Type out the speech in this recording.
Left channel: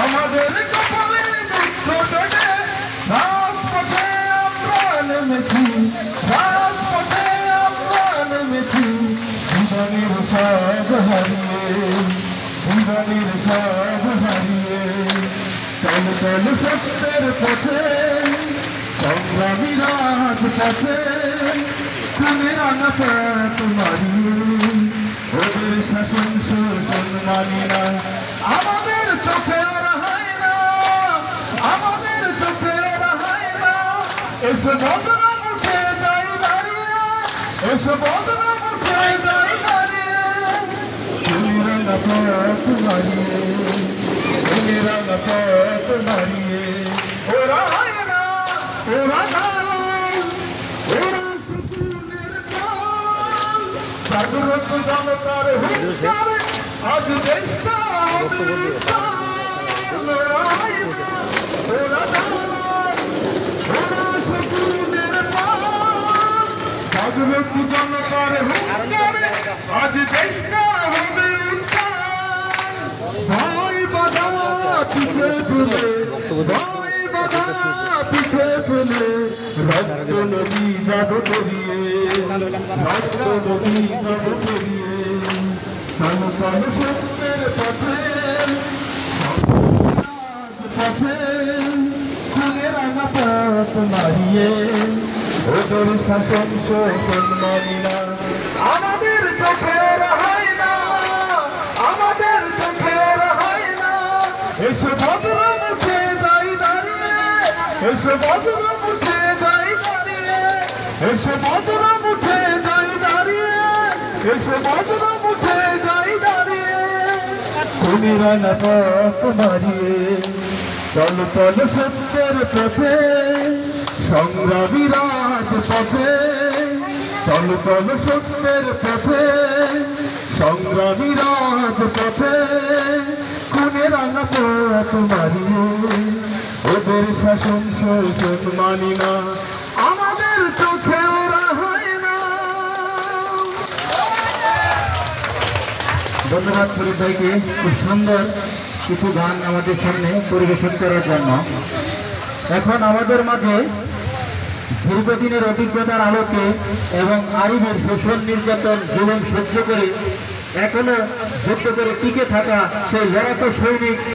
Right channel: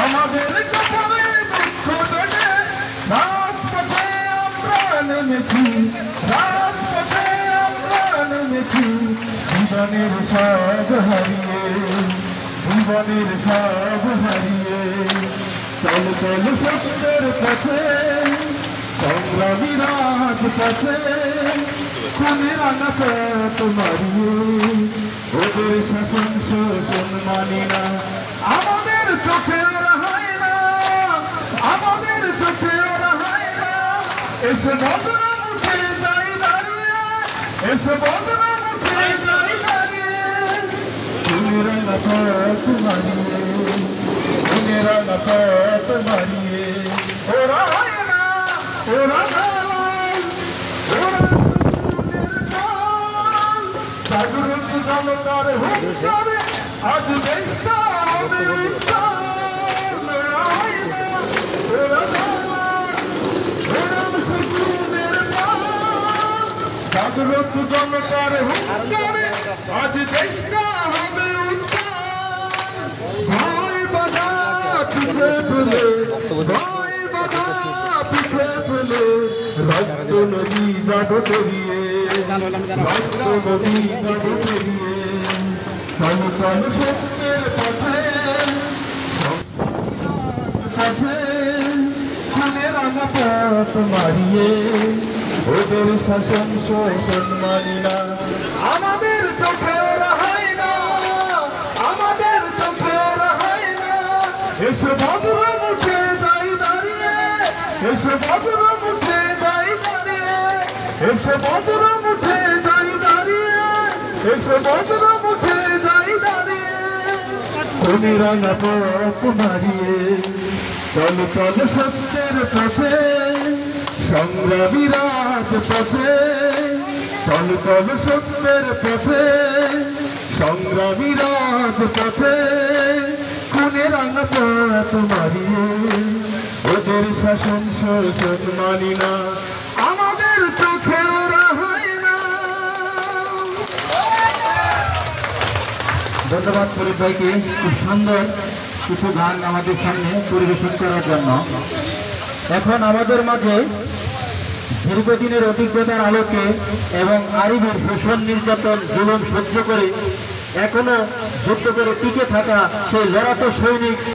আমাদের কপালে দুঃখ জেগে রাজপথে আমরা নেমেছি, রাজপথে আমরা নেমেছি। জীবনের সব হারিয়ে, জীবনের সব হারিয়ে চল চল সত্যের পথে, সংগ্রামী রাজপথে খানে রাঙা পথ মারিয়ে ওদের শাসন শোষণ মানি না। আমাদের চোখে ওরা হয় না, আমাদের চোখে ওরা হয় না। এসে বদনাম উঠে যাই দাঁড়িয়ে, এসে বদনাম উঠে যাই দাঁড়িয়ে। খানে রাঙা পথ মারিয়ে, খানে রাঙা পথ মারিয়ে ওরা হয় না, ওরা নয়, ওরা জাগ্রত জনতার হুঙ্কারে আজ দেশটা হবে উত্তাল। ওরা শত্রুদের নাম, জাগ্রত জনতার হুঙ্কারে আজ দেশটা হবে উত্তাল। ভাই বাধা পিছে ফেলে, ভাই বাধা পিছে ফেলে রক্ত নদী যাব পেরিয়ে, রক্ত নদী যাব পেরিয়ে। চল চল সত্যের পথে, পথে খুনে রাঙা পথ মারিয়ে ওদের শাসন শোষণ মানি না। আমাদের চোখে ওরা হয় না, আমাদের চোখে ওরা হয় না। এসে বদনাম উঠে যাই দাঁড়িয়ে, এসে বদনাম উঠে যাই দাঁড়িয়ে, এসে বদনাম উঠে যাই দাঁড়িয়ে, এসে বদনাম উঠে যাই দাঁড়িয়ে। খুনে রাঙা পথ মারিয়ে চল চল সত্যের পথে, সংগ্রামী রাজপথে। চল চল সত্যের পথে, সংগ্রামী রাজপথে। খুনে রাঙা পথ মারিয়ে ওদের শাসন শোষণ মানি না। আমাদের চোখে ওরা হয় না। ধন্যবাদ ফরিদ ভাইকে খুব সুন্দর কিছু গান আমাদের সামনে পরিবেশন করার জন্য। এখন আমাদের মাঝে দীর্ঘদিনের অভিজ্ঞতার আলোকে এবং আরিফের শোষণ নির্যাতন জুলুম সহ্য করে এখনো যুদ্ধ করে টিকে থাকা সেই লড়াকু সৈনিক